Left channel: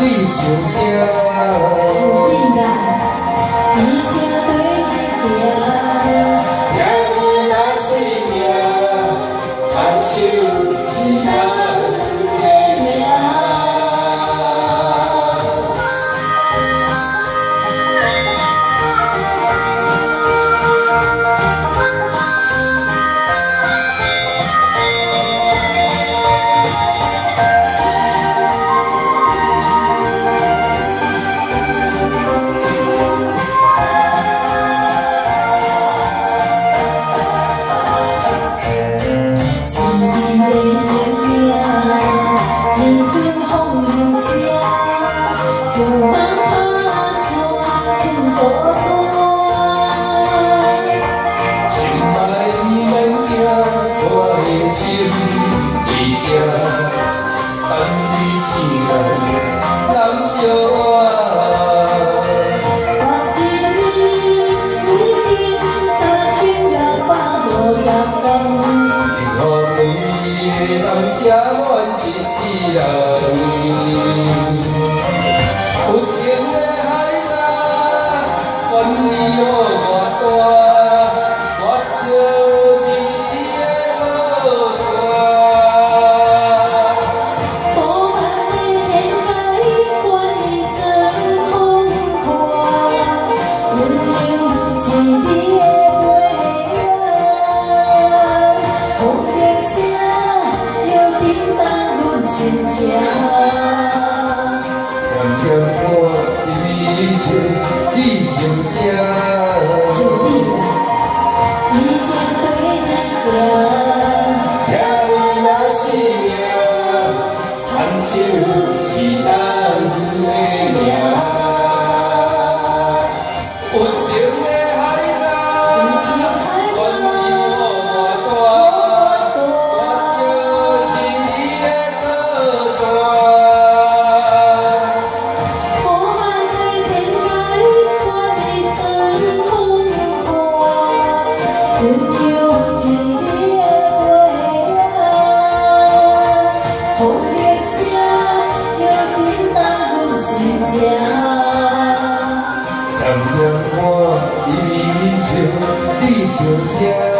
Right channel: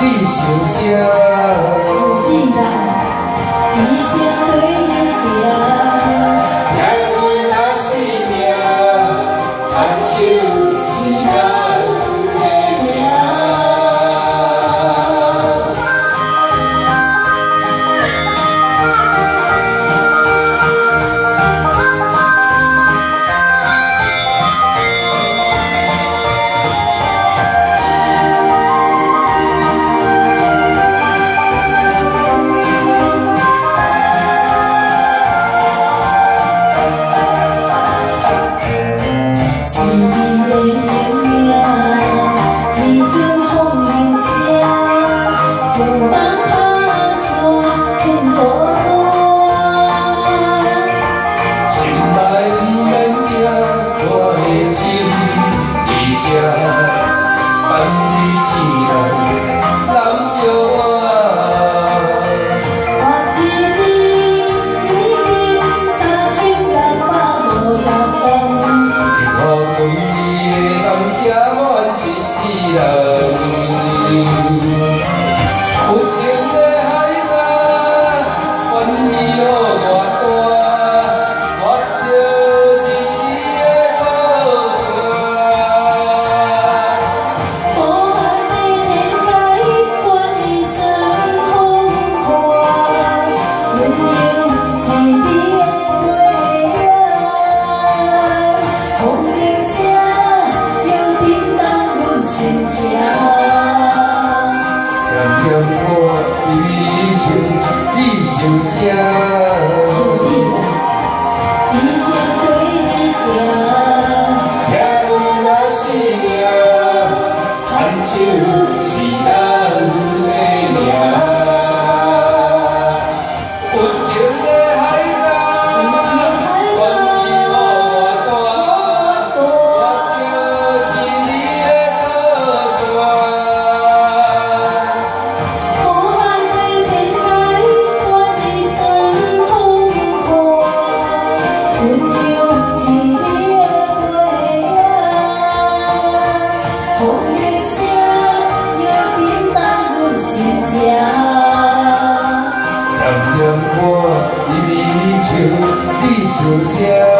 你心声。自你来，一生对你行。听你那生命，牵手是人的命。伴你一人人相爱，我一年3650元，予规个人写满一世人。有情的海岸，愿意予我大，我就是你的靠山。念念我的美情，你心声。自你来，一生对你行。听你那生命，牵手是人的命。有情的海岸，愿意予我大，我就是你的靠山。温柔一年的月啊，风的声又变满阮心情。念念我的美情，你心声。